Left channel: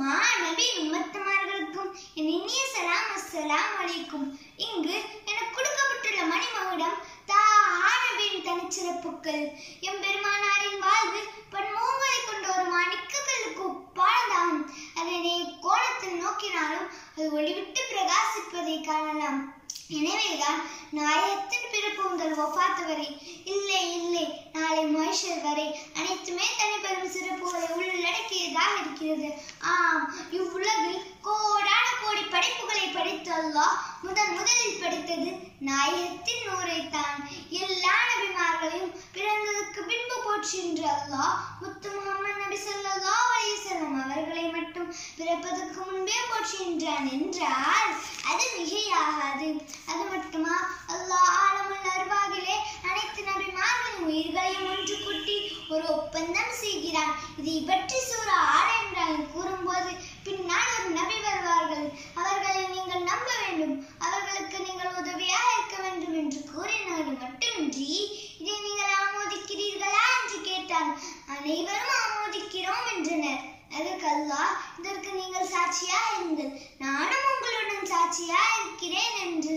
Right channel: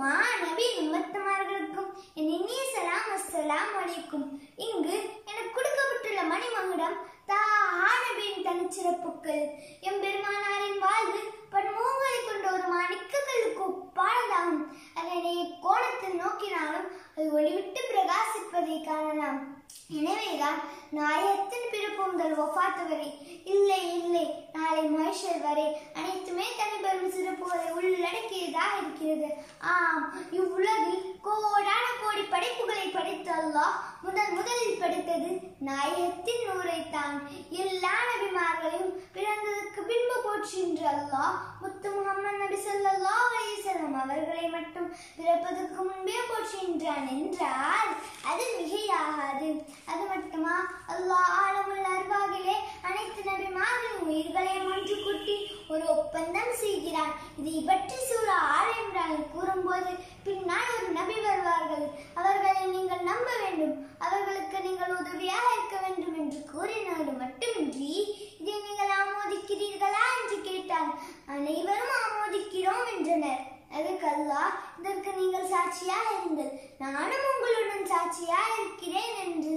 மாநபியின் உம்மத்தமார்களுக்கும் என் இனிய சலாம் அஸ்ஸலாமு அலைக்கும். இங்கு எனக்கு கொடுக்கப்பட்டுள்ள மணிமகுடம் நபியின் தனிச்சிறப்புகள். எம்பெருமானாரின் வாழ்வு பன்முகங்களை கொண்ட ஒரு மாணிக்கங்களுக்கு ஒப்பானதாகும். அதனை கோணத்தில் நோக்கினாலும் அது ஒளிவிட்டு பிரகாசிப்பதை காணலாம். எனவேதான் நாயகத்தின் பிறப்பு முதல் வஃபாத் வரை, இல்லை இல்லை நாளை மஹ்ஷர் வரை அனைத்துமே தனிப்பெரும் சிறப்புகளை உள்ளடக்கியதாக இருக்கிறது. ஆம், இவ்வுலகில் கோடான கோடி படைப்புகளை படைத்த அல்லாஹ் முதலில் படைத்தது நாயகத்தின் நூரைத்தான். எல்லா நபிமார்களையும் பிறந்ததற்கு பின்பு போற்றுகின்ற அல்லாஹ் முத்து முஹம்மது நபி ஸல்லல்லாஹு அலைஹி வஸல்லம் அவர்களை மட்டும் பிறப்பதற்கு முன்பே போற்றுகின்றான் என்றால் அது மிகையாகாது. அது மட்டுமா, அல்லாஹ் ஆலமுல் அர்வாகிலே அனைத்து நபிமார்களின் உயிர்களையும் ஒன்று கூட்டி ஒரு ஒப்பந்தம் செய்கிறான். இதை பற்றி சூரா ஆல் இம்ரானில் கூறும்போது, பின்னால் ஒரு நபி வருவார்கள், அவர்களை நீங்கள் நம்ப வேண்டும், அவர்களுக்கு நீங்கள் உதவியாக இருக்க வேண்டும் என்று கூறினது மட்டுமின்றி, இதை நீங்கள் ஆமோதிக்கிறீர்களா என்று கேட்டால் அனைவரும் ஆமோதிக்கிறோம் என்றனர். அதற்கு அல்லாஹ், இதற்கு நீங்கள் சாட்சியாக இருங்கள், நானும் உங்களுடன் சாட்சியாக இருக்கிறேன் என்று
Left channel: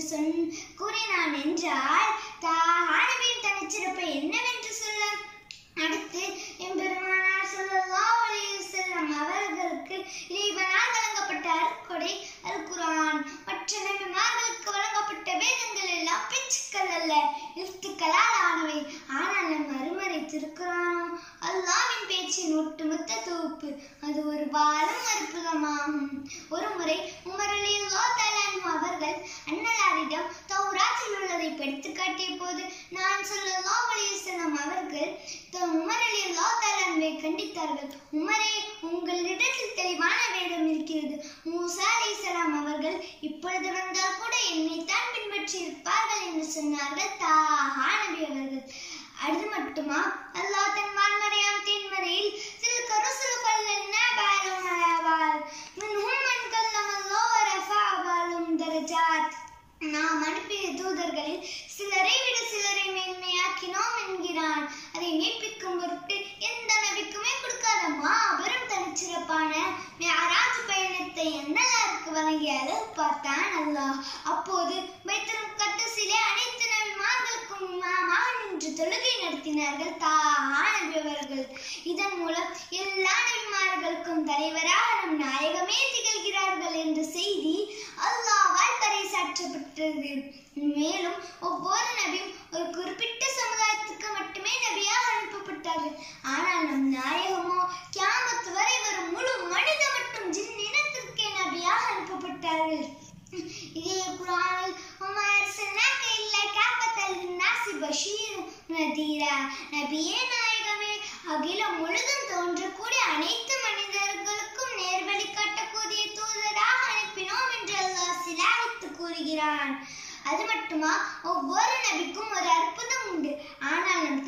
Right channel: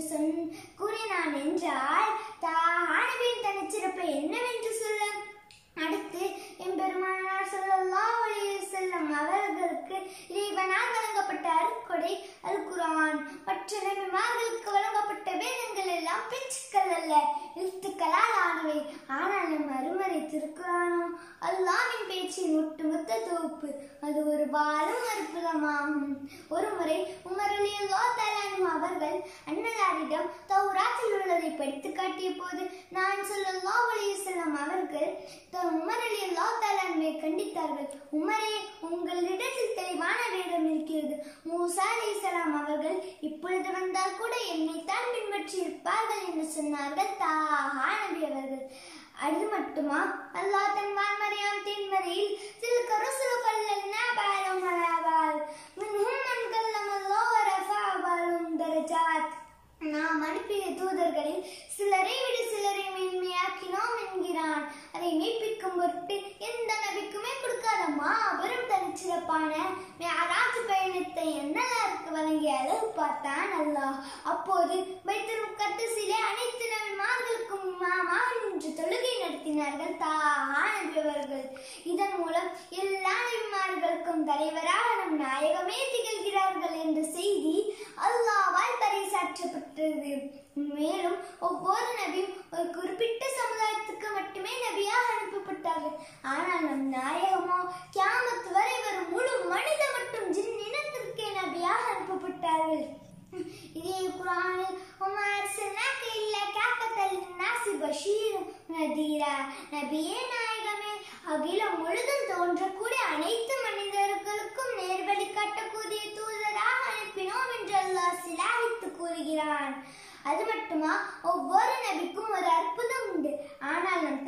கூறினான் என்றால் நபியின் தனிச்சிறப்பை என்னவென்று சொல்ல? அடுத்து எம்பெருமானார் ஸல்லல்லாஹு அலைஹி வஸல்லம் அவர்களுக்கு இறைவனால் வழங்கப்பட்ட அருட்கொடை அல் குர்ஆன். மற்ற நபிமார்களுக்கு வழங்கப்பட்ட வேதங்கள் எல்லாம் பேச்சுக்கள் அல்ல, எழுத்துக்களால் ஆனவை. ஆனால் நம் அருமறை திருக்குர்ஆனோ அல்லாஹ்வின் பேச்சின் ஒட்டுமொத்த தொகுப்பு. அது ஒரு பாலும் அற்புதமாகும். ஒரு முறை உமர் ரலியல்லாஹு தஆலா அன்ஹு அவர்கள் அன்னலாரிடம் தௌராத்தில் உள்ளதை படித்து காட்டிய போது, நான் ஸல்லல்லாஹு அலைஹி வஸல்லம் அவர்கள் உமர் ரலியல்லாஹு தஆலா அன்ஹுவை கண்டித்தார்கள். உமரே, உங்களிடத்தில் தெளிவான வேதம் இருக்கிறது. மூசா அலைஹிஸ்ஸலாம் அவர்கள் இப்பொழுது வந்தால் கூட என்னைத்தான் பின்பற்றி இருப்பார்கள் என்று சொன்னார்கள் நபி அவர்கள். அது மட்டுமா, அல்லாஹ் தன் வான்மறையாம் தேன்மறையில் சில்க ருசுலுகள் லன்னாபாலும் அலாபால் மின்ஹும் மன் கல்லமல்லாஹு வரஃபஅ பாலும் தரஜாத். நாம் அனுப்பிய தூதர்களில் சிலரை விட சிலரை மேன்மையாக்கினோம் என்கிறான். அதை மெய்ப்பிக்கும் பொருட்டு எந்த நபிக்குமே கொடுக்காத மாபெரும் தனிச்சிறப்பான மிஅராஜ் பயணத்தை அன்னலாருக்கு வழங்கிய அளவு பார்த்தான் அல்லாஹ். அப்போது பைத்துல் முகத்தஸிலே அனைத்து நபிமார்களுக்கும் இமாமாக நின்று தொழுகை நடத்தினார்கள் நபி அவர்கள். இதன் மூலம் எல்லா நபிமார்களுக்கும் தலைவராக நம் நாயகமே திகழ்கிறார்கள் என்ற செய்தி அல்லாஹ்வால் பறைசாற்றப்பட்டது. மேலும் ஒவ்வொரு நபியும் ஒரு குறிப்பிட்ட சமுதாயத்துக்கு மட்டுமே நபியாக அனுப்பப்பட்டார்கள். ஆனால் நம் நாயகமோ கியாமத் வரை வரும் முழு மனித மற்றும் ஜின் இனத்திற்கே நபியாக அனுப்பப்பட்டார்கள். இதே குர்ஆனில் நபியே நாயகமே, அகிலம் முழுதும் தோன்றக்கூடிய அனைத்து மனிதர்களுக்கும் நேர்வழி காட்டக்கூடிய தூதராக அனுப்பினோம் என்று அல்லாஹ் சிலாகித்து கூறுகிறான். அது மட்டுமா, ஒவ்வொரு நபிக்கும் ஒரு அற்புதம் உண்டு. ஆனால் நம்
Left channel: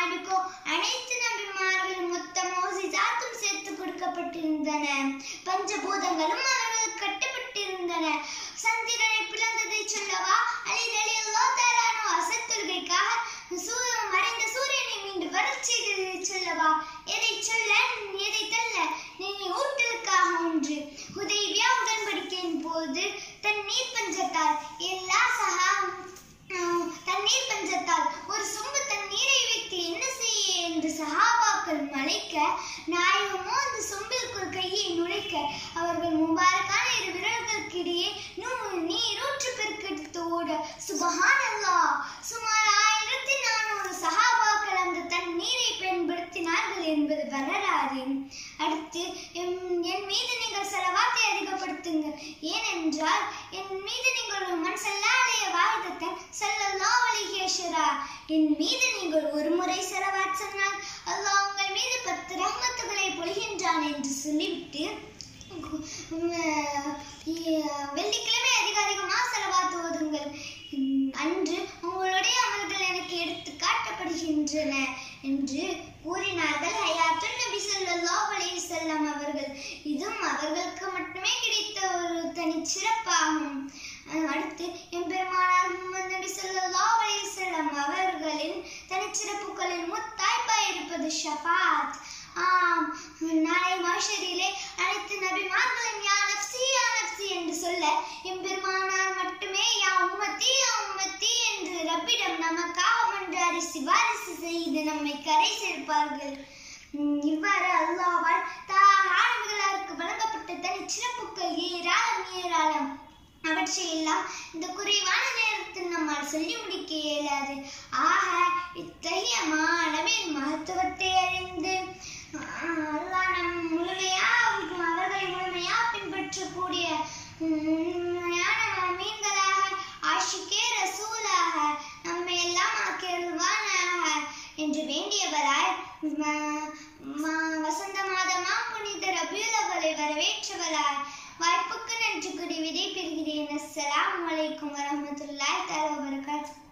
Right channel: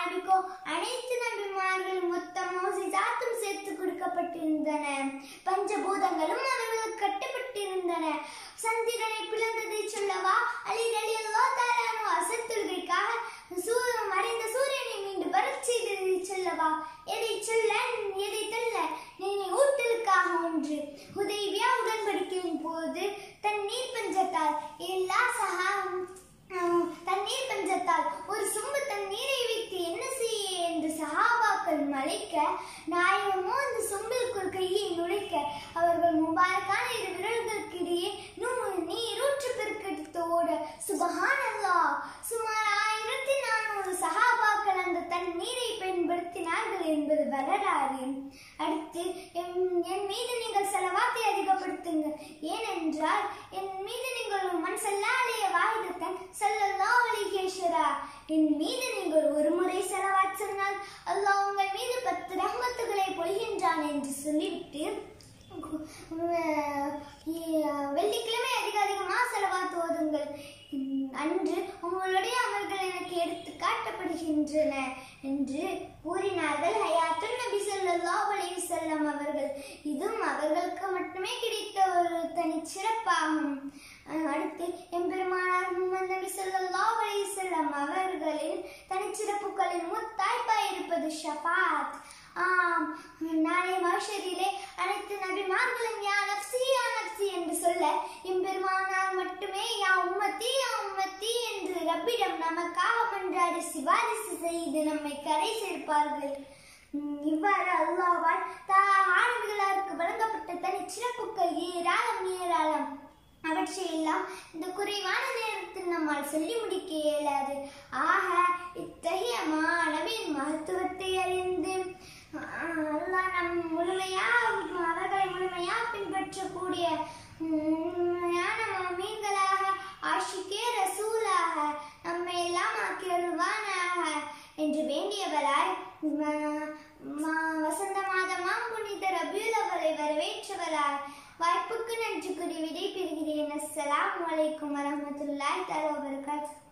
நபிக்கோ அனைத்து நபிமார்களும் மொத்த மோஜிசாத்தும் சேர்த்து கொடுக்கப்பட்டிருந்தன. பஞ்சபூதங்களும் அவர்களுக்கு கட்டப்பட்டிருந்தன. சந்திரனை பிளந்ததை சொல்லவா? அலி ரலியல்லாஹு தஆலா அன்ஹு அசர் தொழுகைக்காக மறைந்த சூரியனை மீண்டும் வரச் செய்ததை சொல்லவா? எதை சொல்ல எதை தள்ள? நீ ஊட்டலுக்காக ஒன்று. ஹுதைபியா உடன்படிக்கையின் போது தண்ணீர் பஞ்சத்தால் ஒரு சொம்பு தண்ணீரை வைத்து என்ன செய்ய என்று சஹாபாக்கள் மலைக்க, நாயகமோ அந்த சொம்பில் ஒரு கையை நுழைக்க, அவர்கள் முபாரக்கான இரு விரல்களுக்கு இடையே நீரூற்று பெருக்கெடுத்து ஓட, சுபஹானல்லாஹ், சுமார் 1400 சஹாபாக்கள் அந்த தண்ணீரை பயன்படுத்தினார்கள் என்பது வரலாறு. அடுத்து, என் மீது நீங்கள் ஸலவாத்தை அதிகப்படுத்துங்கள். ஏனென்றால் என் மீது நீங்கள் மன் ஸல்லா அலைஹி வாஹிதத்தன் ஸல்லல்லாஹு அலைஹி வஸல்லம், என் மீது நீங்கள் ஒரு முறை ஸலவாத் சொன்னால் அல்லாஹ் உங்கள் மீது 10 ரஹ்மத்துகளை பொழிகின்றான் என்று சொல்லிவிட்டு, வெள்ளிக்கிழமை அதிகமாக ஸலவாத் ஓதுங்கள், அன்று உங்களுடைய அமல்கள் எனக்கு எடுத்து காட்டப்படுகின்றன என்று கூறினார்கள் ஹயாத்துன் நபி ஸல்லல்லாஹு அலைஹி வஸல்லம் அவர்கள். இதுவும் அவர்களுக்கு மட்டுமே கிடைத்த ஒரு தனிச்சிறப்பாகும். அடுத்து எம்பெருமானார் முஹம்மது நபி ஸல்லல்லாஹு அலைஹி வஸல்லம் அவர்களின் தனிச்சிறப்புகளில் முத்தாய்ப்பாய் இருப்பது ஷஃபாத். நாளை மஹ்ஷரிலே அனைத்து நபிமார்களும் எம்பெருமானார் மட்டுமே யா உம்மத்தி என்று ரப்பிடம் நமக்காக மன்றாடி சிபாரிசு செய்து நம்மை கரை சேர்ப்பார்கள். இவ்வாறு அல்லாஹ்வால் ஆனவர்களுக்கு வழங்கப்பட்ட தனி சிறப்புகள் ஏராளம். அவற்றையெல்லாம் இந்த குறைவான நேரத்தில் நம்மால் சொல்லி முடிக்க இயலாது. ஆக இத்தகைய நபியின் மகத்துவத்தை அறிந்து அல்லாஹ் அவர்களை முழுமையாக பின்பற்றக்கூடிய உண்மையான மீன்களாக ஆஷிகே ரசூலாக நம்மை எல்லாம் ஆக்கியருள்வானாக என்று வேண்டியவராய் வசந்த மாதமாம் புனித ரபியுல் அவ்வலை வரவேற்றவராய் வாய்ப்புக்கு நன்றி கூறி விடை பெறுகிறேன். அஸ்ஸலாமு அலைக்கும் வரஹ்மத்துல்லாஹி தஆலா வபரகாத்துஹு.